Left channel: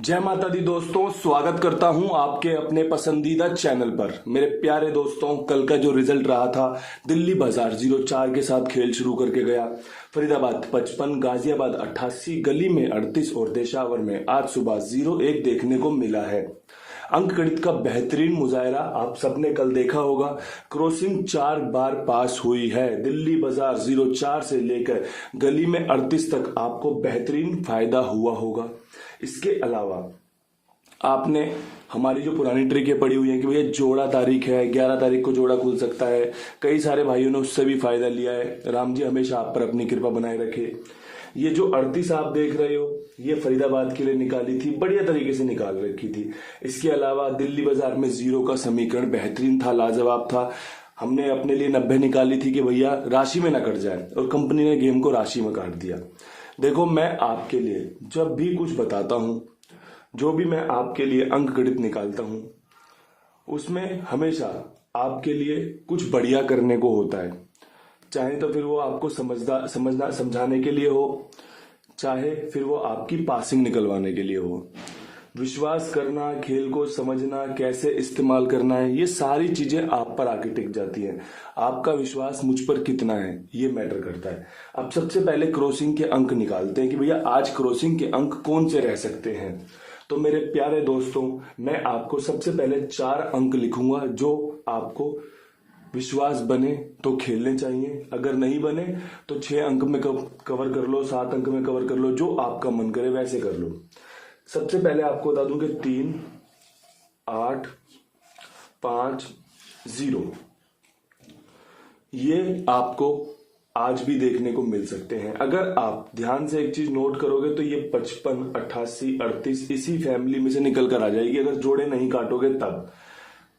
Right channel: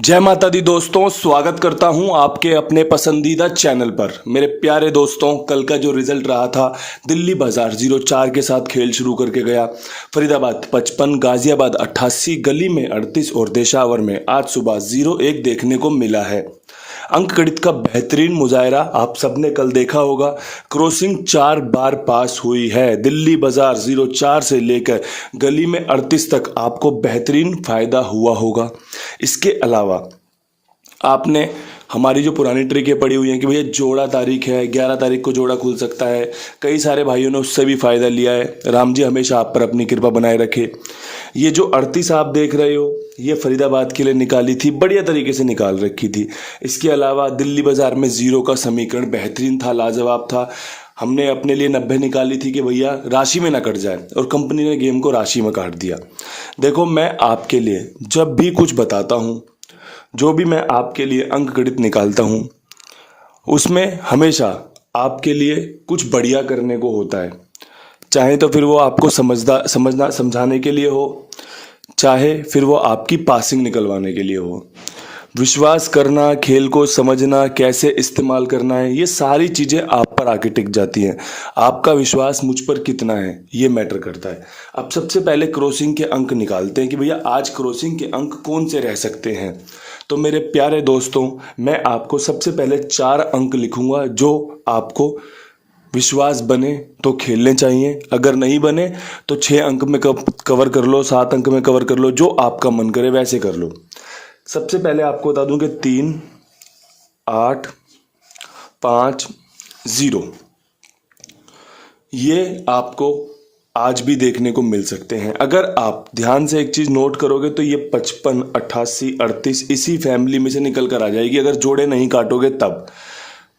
जय माता दी दोस्तों, स्वागत करता हूं आपके अपने पसंदीदा चैनल पर। मेरे प्यारे दोस्तों, कल का जो रिजल्ट रहा था, दिल्ली बाजार 0-4 के साथ खेल शुरू करके गया। फरीदाबाद 55, गाजियाबाद 88, गली में 38 और देशावर में आज सुबह 0-1 देखने को मिला है। अंक गणित का बेहतरीन मुजाहरा आप सबने कल देखा होगा। क्रॉसिंग 4 बार पास हुई है। दिल्ली बाजार 0-4 से लेकर गली में 38 तक आपको बेहतरीन फायदा हुआ होगा। इसके अलावा आपने हमारी जो पुरानी ट्रिकें पड़ी हुई हैं कि भैया जोड़ा तारीख है, 11 तारीख को जोड़ा खुल सकता है, कई सारे भाइयों ने उससे भी फ़ायदा लिया है। राम जी हमेशा आप पर अपनी कृपा बनाए रखे। ये जो 38 आप देख रहे हो, ये फरीदाबाद के लिए निकाली थी, बढ़िया तरीके से निकाल रखी थी। इसके अलावा दिल्ली बाजार में 0 का समीकरण बेहतरीन था, लाजवाब था। हमने अपने लिए 90 निकाली थी कि भैया राशि में ना कट जाए, और कंपनी ने गेम को राशि में काट दिया। देखो, मैं आपके लिए जब भी कुछ बताता हूँ, जो भी मैं आपके लिए अंक गणित निकालता हूँ, उसमें हमेशा आपके लिए कुछ बढ़िया करने को होता है। चाहे तो फिर वो आपको समझाने के लिए हो, चाहे फिर वो आपकी पासिंग निकलवाने के लिए हो। विश्वास करना, खेल को समझना, कैसे इस्तेमाल करना है, ये सारी चीज़ें आप पर आके टिक जाती हैं। आपका विश्वास मुझ पर कितना है, ये मैटर करता है। अब सबसे पहले क्रॉसिंग के अंक निकालते हैं कि भैया आज क्रॉसिंग के अंक कौन से रह सकते हैं। तो मेरे प्यारे दोस्तों, मैं आपको सबसे पहले 4 अंक लिखूंगा जो आपको विश्वास बने तो खेलने चाहिए, अगर नहीं बने तो 6 अंक में कवर कर लो, 7 अंक में कवर कर लो, जो आपका मन करे वैसे कर लो। सबसे पहले आपको बता दूं कि 3, 8, 5, 0 ये आपको आज भी देखने को मिल सकते हैं। अगर आप ध्यान से एक चीज़ नोट करोगे तो ये 55, 88, 38 इसी फैमिली में से निकल कर आ जाएगी। अगर जोड़े नहीं काटोगे तब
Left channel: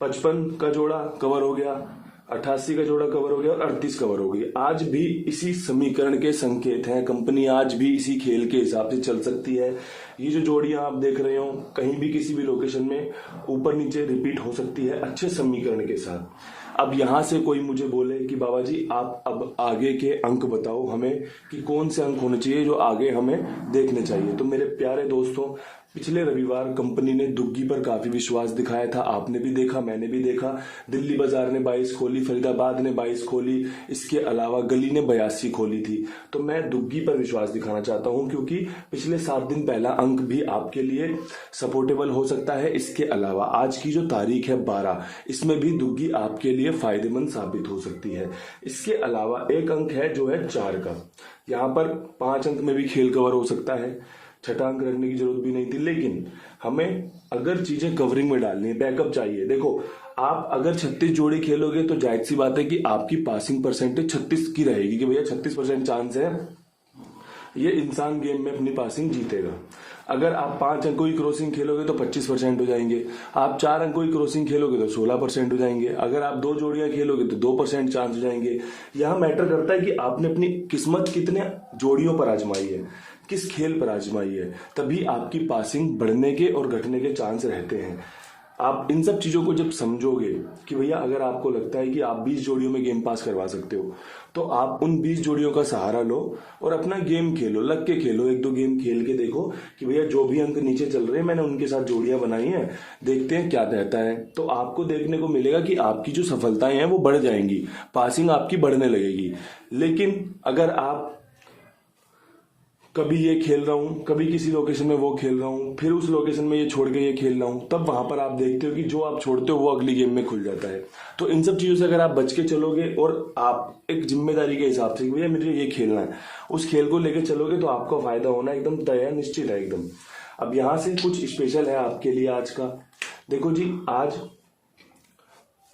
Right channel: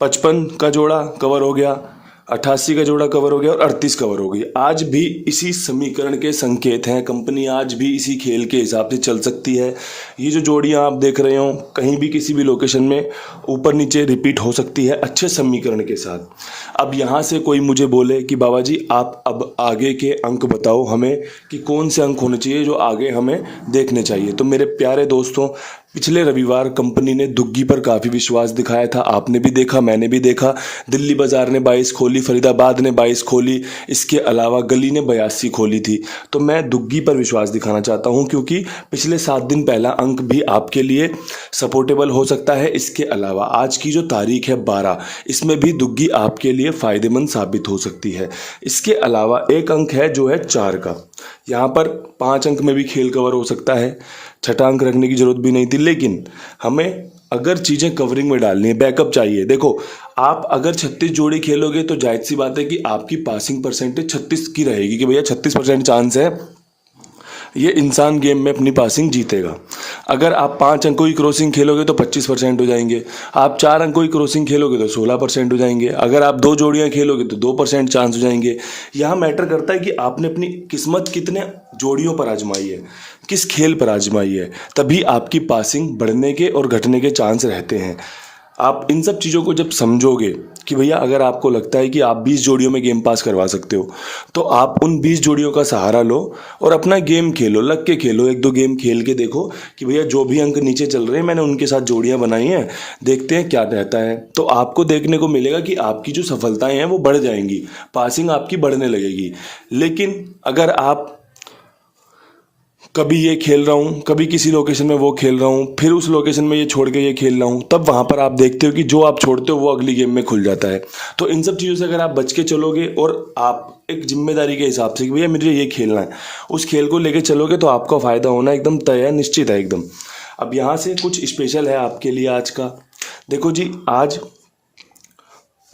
55 का जोड़ा कवर हो गया, 88 का जोड़ा कवर हो गया और 38 कवर हो गई। आज भी इसी समीकरण के संकेत हैं। कंपनी आज भी इसी खेल के हिसाब से चल सकती है। ये जो जोड़ियां आप देख रहे हो, कहीं भी किसी भी लोकेशन में ऊपर नीचे रिपीट हो सकती है अच्छे समीकरण के साथ। अब यहाँ से कोई मुझे बोले कि बाबा जी आप अब आगे के अंक बताओ हमें कि कौन से अंक होने चाहिए जो आगे हमें देखने चाहिए। तो मेरे प्यारे दोस्तों, पिछले रविवार कंपनी ने दुग्गी पर काफ़ी विश्वास दिखाया था। आपने भी देखा, मैंने भी देखा। दिल्ली बाजार ने 22 खोली, फरीदाबाद ने 22 खोली, इसके अलावा गली ने 82 खोली थी। तो मैं दुग्गी पर विश्वास दिखाना चाहता हूं क्योंकि पिछले 7 दिन पहला अंक भी आपके लिए सपोर्टेबल हो सकता है। इसके अलावा आज की जो तारीख है 12, इसमें भी दुग्गी आपके लिए फ़ायदेमंद साबित हो सकती है। इसके अलावा एक अंक है जो है 4 का। यहाँ पर 5 अंक में भी खेल कवर हो सकता है, 6ठा अंक रखने की जरूरत भी नहीं थी। लेकिन हमें अगर चीज़ें कवरिंग में डालनी है, बैकअप चाहिए। देखो, आप अगर 36 जोड़ी खेलोगे तो जाहिर सी बात है कि आपकी पासिंग परसेंटेज 36 की रहेगी कि भैया 36% चांस है ये इंसान गेम में अपनी पासिंग जीतेगा। अगर आप 5 अंकों की क्रॉसिंग खेलोगे तो 25% हो जाएंगे। आप 4 अंकों की क्रॉसिंग खेलोगे तो 16% हो जाएंगे। अगर आप 2 जोड़ियां खेलोगे तो 2% चांस हो जाएंगे। यहाँ मैटर करता है कि आपने अपनी किस्मत कितने जोड़ियों पर आजमाई है, किस खेल पर आजमाई है, तभी आपकी पासिंग बढ़ने के और घटने के चांस रहते हैं। आप इन सब चीज़ों को जब समझोगे कि भैया अगर आपको लगता है कि आप 20 जोड़ियों में गेम पास करवा सकते हो, तो आप उन 20 जोड़ियों का सहारा लो और अपना गेम खेलो, लग के खेलो। 1-2 गेम खेल के देखो कि भैया जो भी अंक नीचे चल रहे हैं मैंने उनके साथ जोड़ियां बनाई हैं, देखते हैं क्या रहता है। तो आपको देखने को मिलेगा कि आपकी जो सफलताएं हैं वो बढ़ जाएंगी, पासिंग आपकी बढ़ने लगेगी। लेकिन अगर आप कभी ये खेल रहा हूँ, कभी किसी लोकेशन में वो खेल रहा हूँ, फिर उस लोकेशन में ये छोड़ के ये खेल रहा हूँ, तब वहाँ पर आप देखते हो कि जो आप छोड़ते हो वो अगली गेम में खुल जाता है। तो इन सब चीज़ों से अगर आप बच के चलोगे और आप एक जिम्मेदारी के हिसाब से कि भैया मुझे ये खेलना है, उस खेल को लेके चलोगे तो आपका फ़ायदा होना एकदम तय है, निश्चित है एकदम। अब यहाँ से कुछ स्पेशल है आपके लिए आज का। देखो जी, आज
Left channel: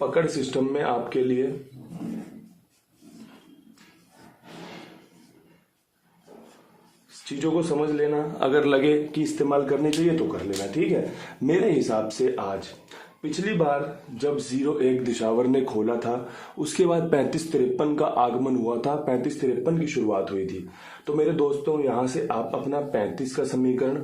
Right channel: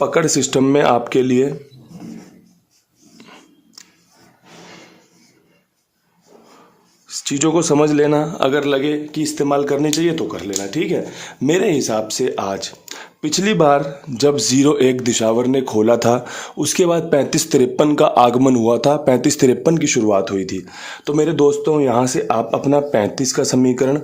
पकड़ सिस्टम में आपके लिए चीज़ों को समझ लेना, अगर लगे कि इस्तेमाल करनी चाहिए तो कर लेना, ठीक है। मेरे हिसाब से आज पिछली बार जब 0-1 दिशावर ने खोला था, उसके बाद 35-53 का आगमन हुआ था, 35-53 की शुरुआत हुई थी। तो मेरे दोस्तों, यहाँ से आप अपना 35 का समीकरण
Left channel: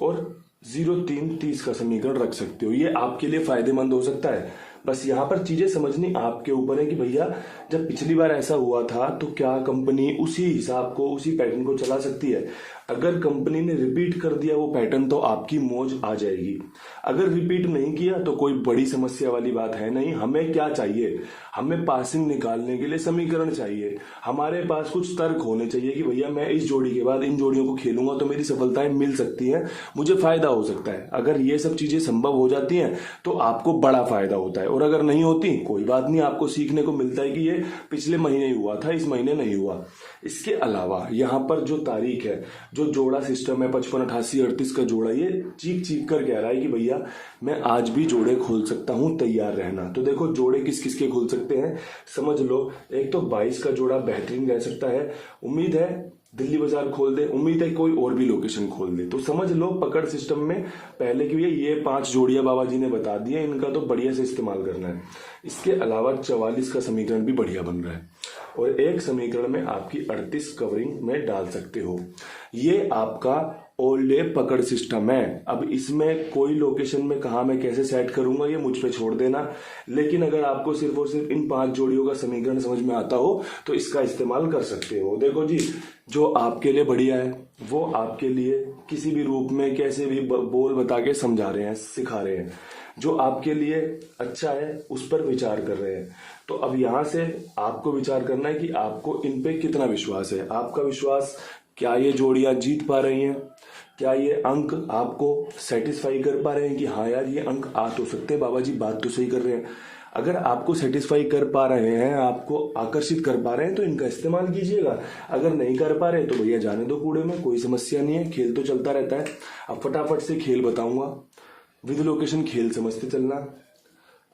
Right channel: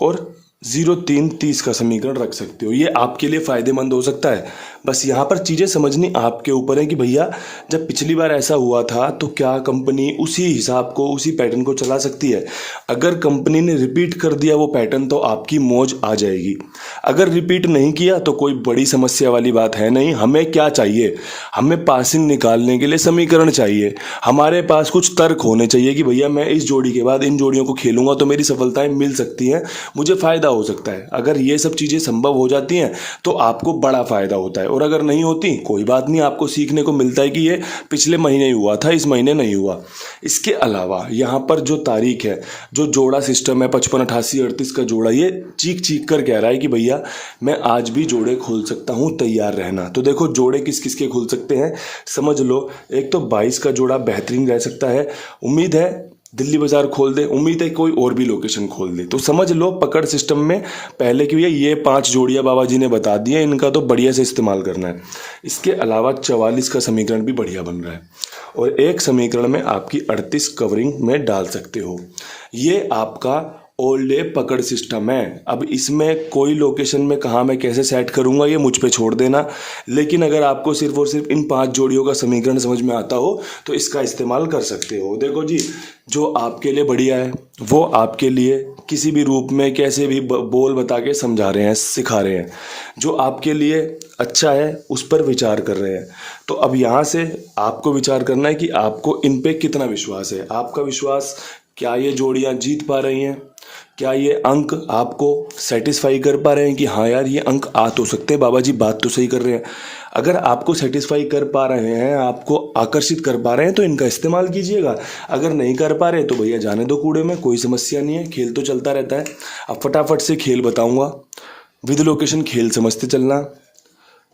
और 0-3-30 का समीकरण रख सकते हो। ये आपके लिए फ़ायदेमंद हो सकता है। बस यहाँ पर चीज़ें समझनी आपके ऊपर है कि भैया जब पिछली बार ऐसा हुआ था तो क्या कंपनी उसी हिसाब को, उसी पैटर्न को चला सकती है। अगर कंपनी ने रिपीट कर दिया वो पैटर्न तो आपकी मौज आ जाएगी। अगर रिपीट नहीं किया तो कोई बड़ी समस्या वाली बात है नहीं। हमें क्या चाहिए, हमें पासिंग निकालने के लिए समीकरण चाहिए। हमारे पास कुछ तर्क होने चाहिए कि भैया मैं इस जोड़ी के बाद इन जोड़ियों को खेलूंगा तो मेरी सफलताएं मिल सकती हैं, मुझे फ़ायदा हो सकता है। अगर ये सब चीज़ें संभव हो जाती हैं तो आपको बड़ा फ़ायदा होता है, और अगर नहीं होती कोई बात नहीं, आपको सीखने को मिलता है कि ये पिछले महीने ही हुआ था, इस महीने नहीं हुआ। इसके अलावा यहाँ पर जो तारीख है, जो जोड़ा सिस्टम है 55, 88, 38 का जोड़ा, ये चीख चीख कर कह रहा है कि भैया मैं आज भी जोड़े खोल सकता हूँ, तैयार रहना। तो देखो जोड़े किस किस के खोल सकते हैं समझ लो। एक तो 22 का जोड़ा बेहतरीन रह सकता है, उम्मीद है दिल्ली बाजार खोल दे, उम्मीद है कोई और भी लोकेशन खोल दे। तो समझ लो पकड़ सिस्टम में पहले की भैया ये 5 जोड़ियाँ बाबा जी ने बता दिया, इनका तो बढ़िया से इस्तेमाल करना है। इसके अलावा 44 का समीकरण भी बढ़िया बन रहा है, और एक समीकरण में आपकी 38 कवरिंग में डाल सकते हो। ये आपका ओल्ड डे पकड़ सिस्टम है। अब इसमें कोई लोकेशन में कहाँ मैं कैसे सेट करूँगा ये मुझ पे छोड़ देना, लेकिन अगर आपको सिर्फ और सिर्फ इन 5 जोड़ियों का समीकरण समझ में आता हो तो इसका इस्तेमाल कर सकते हो। देखो जी, जो आपके लिए बढ़िया है वो आपके लिए किसी भी रूप में कैसे भी बोल बता के समझा रहे हैं, सिखा रहे हैं। जो आपके लिए अच्छा है उस पर विचार कर रहे हैं। तो अब यहाँ से आपको विचार करना है कि आपको इन पे कितना विश्वास है। आपका विश्वास, क्या ये जोड़ियाँ जीत पा रही हैं, क्या ये अंक आपको सेटिस्फाई कर पा रहे हैं कि हाँ यार ये अंक आ तो सकते हैं, बाबा जी बात तो सही कर रहे हैं। अगर आपको सेटिस्फाई कर पा रहे हैं, आपको आकर्षित कर पा रहे हैं तो इनका इस्तेमाल कीजिएगा। अगर नहीं कर पा रहे तो भैया जाने दो कूड़े में, कोई समस्या नहीं है, खेल तो चलता रहता है। अब फटाफट से खेल बताऊंगा, विद लोकेशन खेल समझते चलना।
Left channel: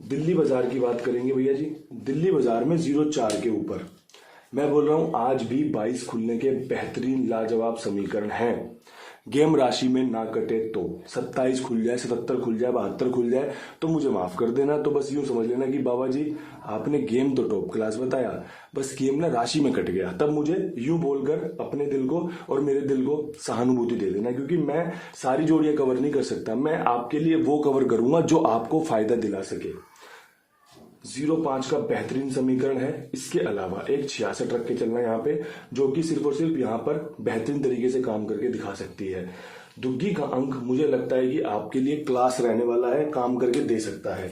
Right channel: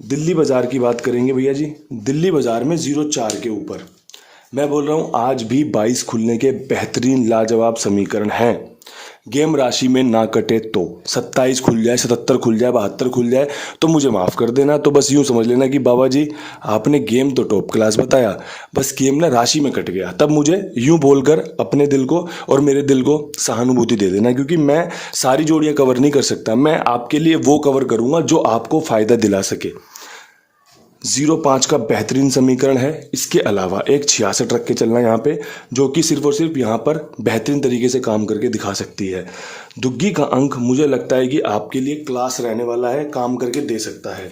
दिल्ली बाजार की बात करेंगे भैया जी। दिल्ली बाजार में 0-4 के ऊपर मैं बोल रहा हूँ आज भी 22 खुलने के बेहतरीन लाजवाब समीकरण हैं। गेम राशि में ना कटे तो 27 खुल जाए, 77 खुल जाए, 72 खुल जाए तो मुझे माफ़ कर देना। तो बस यूँ समझ लेना कि बाबा जी आपने गेम तो टॉप क्लास बताया, बस गेम ना राशि में कट गया। तब मुझे यूँ बोलकर अपने दिल को और मेरे दिल को सहानुभूति दे देना, क्योंकि मैं सारी जोड़ियाँ कवर नहीं कर सकता। मैं आपके लिए वो कवर करूँगा जो आपको फ़ायदा दिला सके। 0-5 का बेहतरीन समीकरण है। इसके अलावा एक 66 रख के चलना यहाँ पे, जो कि सिर्फ और सिर्फ यहाँ पर बेहतरीन तरीके से काम करके दिखा सकती है। दुग्गी का अंक मुझे लगता है कि आपके लिए क्लास रहने वाला है, काम करके दे सकता है।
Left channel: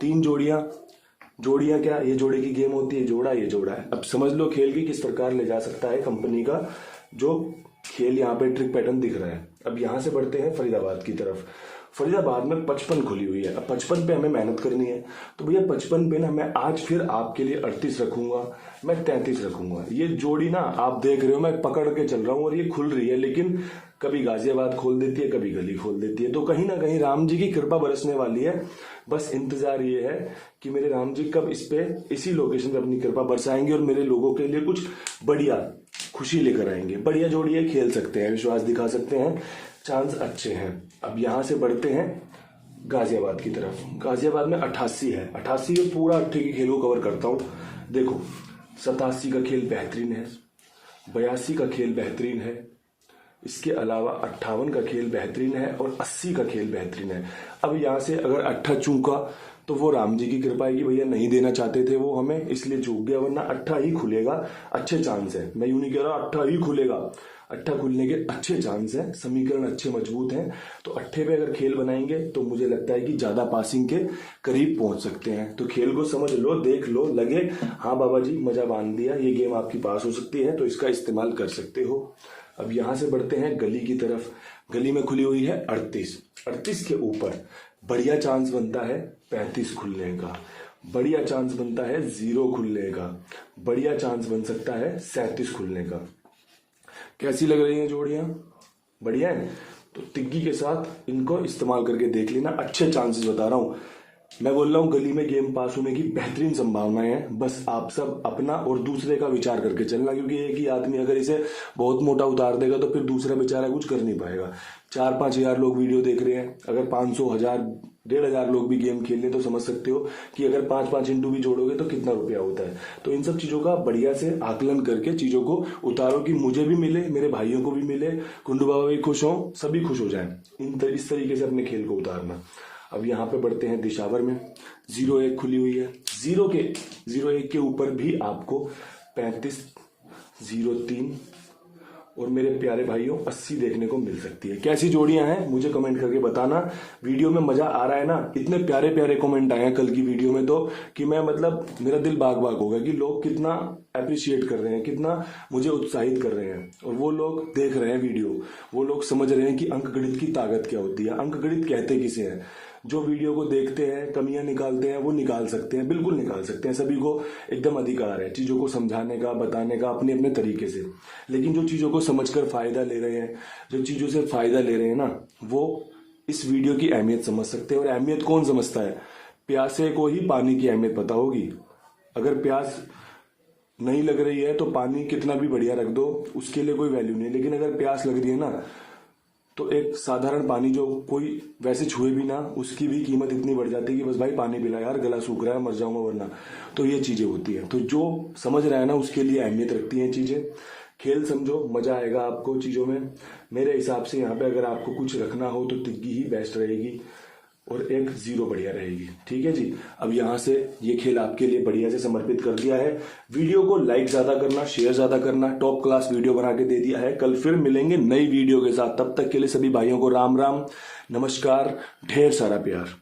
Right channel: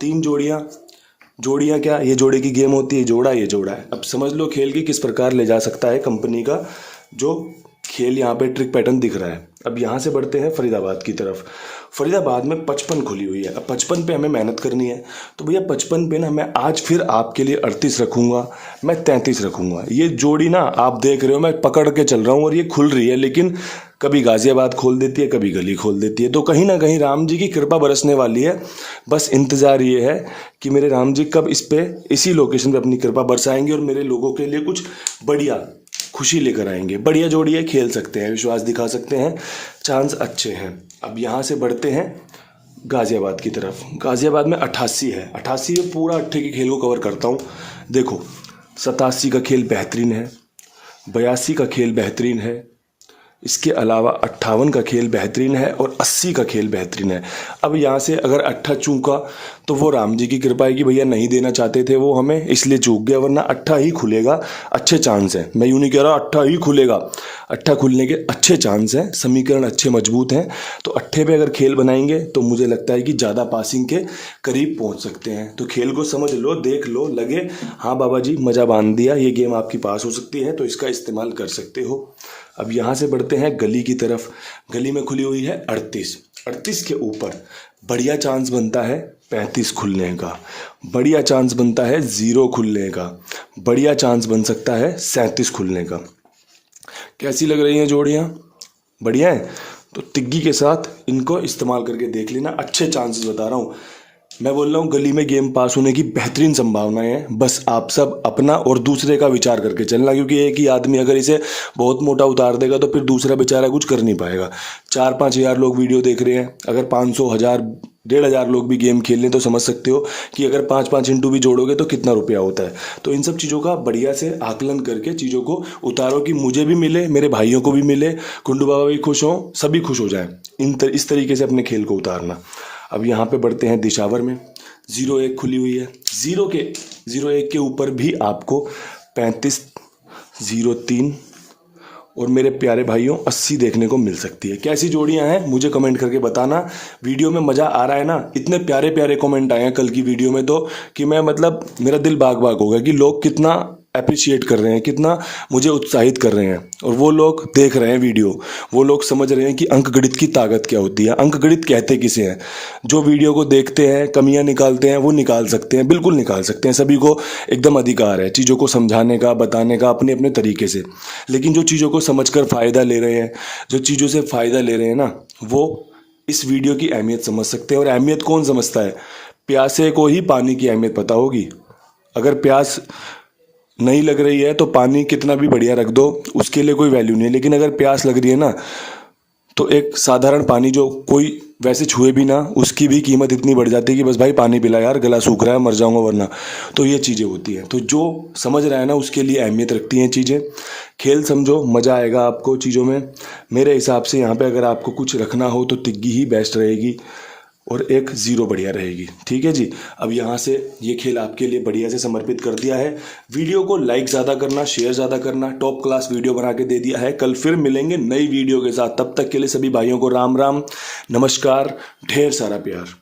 3 जोड़ियाँ क्या, ये जोड़े की गेम होती है, जोड़ा ये जोड़ा है। अब समझ लो खेल की किस प्रकार ले जा सकता है कंपनी का जो खेल यहाँ पे ट्रिक पैटर्न दिख रहा है। अब यहाँ से बढ़ते हैं फरीदाबाद की तरफ। फरीदाबाद में 55 खुली हुई है। अब 55 पे हमें मेहनत करनी है, तो भैया 55 पे ना मैं आज फिर आपके लिए 38 रखूँगा, मैं 33 रखूँगा। ये जोड़ी ना आप देख रहे हो मैं पकड़ के चल रहा हूँ और ये खुल रही है, लेकिन कभी गाजियाबाद खोल देती है, कभी गली खोल देती है। तो कहीं ना कहीं राम जी की कृपा बरसने वाली है। बस इंतज़ार ये है कि मेरे राम जी कब इसी लोकेशन पर अपनी कृपा बरसाएंगे और मेरे लोगों के लिए कुछ बढ़िया खुशी लेकर आएंगे। बढ़िया जोड़ी है, खेल सकते हैं, विश्वास दिखा सकते हैं, चांस अच्छे हैं। अब यहाँ से बढ़ते हैं गाज़ियाबाद की तरफ। गाज़ियाबाद में 88 है। 88 में पूरा 8 के खेल को कवर करता हूँ। देखो 87 का खेल बेहतरीन है, 82 का खेल बेहतरीन है, इसके अलावा 58 का खेल बेहतरीन है और 80 का खेल बेहतरीन है। अब यहाँ से अगर 8 चूका तो वो राम जी की कृपा है कि भैया नहीं देना चाहते थे वो हमें, इसलिए चूक गया, वरना 8 ही खुलेगा, अच्छे चांस हैं। मैं यूँ नहीं कह रहा 8 ही खुलेगा, 8 खुलने के अच्छे चांस हैं, समीकरण अच्छे मजबूत हैं। तो 8 पे अगर खेल बनाएंगे तो मुझे लगता है कि ज़्यादा पासिंग के करीब पहुँच सकते हैं। तो खेल को समझ लो, देख लो, लगे हाँ बाबा जी मज़ा बांध दिया, ये गेम आपकी पास हो सकती है, तो इसका इस्तेमाल कर सकते हो। अब यहाँ से बढ़ते हैं गली की तरफ। गली में खुली हुई है 38 के ऊपर बढ़िया चांस बनता है 35 खुलने का, बढ़िया चांस बनता है 0 खुलने का, बढ़िया चांस बन सकता है 37 खुलने का। कैसी लग रही हैं जोड़ियाँ? बढ़िया है। तो तिग्गी के साथ इनको इस्तेमाल करके देख लेना, अच्छे चांसेस बता रहा हूँ। मैं बोल रहा हूँ गली में गेम पास होने की बेहतरीन संभावनाएं हैं। बस आप सब अपना और दूसरे का विचार करके चलना, क्योंकि एक ही आदमी अगर इसे बहुत मोटा उतार देगा तो फिर दूसरा बेचारा कुछ कर नहीं पाएगा। 4-5 हज़ार लोग वीडियो देख रहे हैं, अगर 500, 1000, 1500 लोग भी गेम खेल लें तो समझ सकते हो कि अगर 5-5 इंटू भी जोड़ोगे तो कितना रुपया होता है। तो इन सब चीज़ों का बढ़िया से आकलन करके चीज़ों को उतारो कि मुझे भी मिले, मेरे भाइयों को भी मिले, कुंडू बाबा भी खुश हों, सभी खुश हो जाएं। इस तरीके से अपने खेल को उतारना। अब यहाँ पे बढ़ते हैं दिशावर में, 01 खुली हुई है, 01 के ऊपर भी आपको 3503 और मेरे प्यारे भाइयों 80 देखने को मिल सकती है। कैसी जोड़ियां हैं मुझे कमेंट करके बताना। वीडियो में मज़ा आ रहा है ना, इतने प्यारे प्यारे कमेंट आए हैं कल की वीडियो में तो कि मैं मतलब मेरा दिल बाग बाग हो गया कि लोग कितना अप्रिशिएट कर रहे हैं, कितना मुझे उत्साहित कर रहे हैं। और वो लोग देख रहे हैं वीडियो, वो लोग समझ रहे हैं कि अंकगणित की ताकत क्या होती है, अंकगणित कहते किसे हैं। जो वीडियो को देखते हैं, कमियां निकालते हैं, वो निकाल सकते हैं, बिल्कुल निकाल सकते हैं। सभी को एकदम अधिकार है चीज़ों को समझाने का, बताने का अपने अपने तरीके से। लेकिन जो चीज़ों को समझकर फ़ायदा ले रहे हैं, जो चीज़ों से फ़ायदा ले रहे हैं ना, वो इस वीडियो की अहमियत समझ सकते हैं। और अहमियत कौन समझता है? प्यासे को ही पानी की अहमियत पता होगी। अगर प्यास नहीं लग रही है तो पानी कितना भी बढ़िया रख दो, उसके लिए कोई वैल्यू नहीं है। लेकिन अगर प्यास लग रही है ना, तो एक साधारण पानी जो कोई वैसे छुए भी ना, उसकी भी कीमत इतनी बढ़ जाती है कि बस भाई पानी पिला यार, गला सूख रहा है, मर जाऊंगा वरना। तो ये चीज़ें होती हैं। तो जो समझ रहा है ना, उसके लिए अहमियत रखती हैं चीज़ें। खेल समझो, मज़ा आएगा आपको चीज़ों में। मेरे हिसाब से यहाँ पे अगर आपको कुछ रखना हो तो तिग्गी ही बेस्ट रहेगी और एक 0 बढ़िया रहेगी। ठीक है जी। अब यहाँ से ये खेल आपके लिए बढ़िया से समर्पित कर दिया है। वीडियो को लाइक ज़्यादा करना, शेयर ज़्यादा करना, टॉप क्लास वीडियो बना के दे दिया है। कल फिर मिलेंगे नई वीडियो के साथ। तब तक के लिए सभी भाइयों को राम राम, नमस्कार, ढेर सारा प्यार।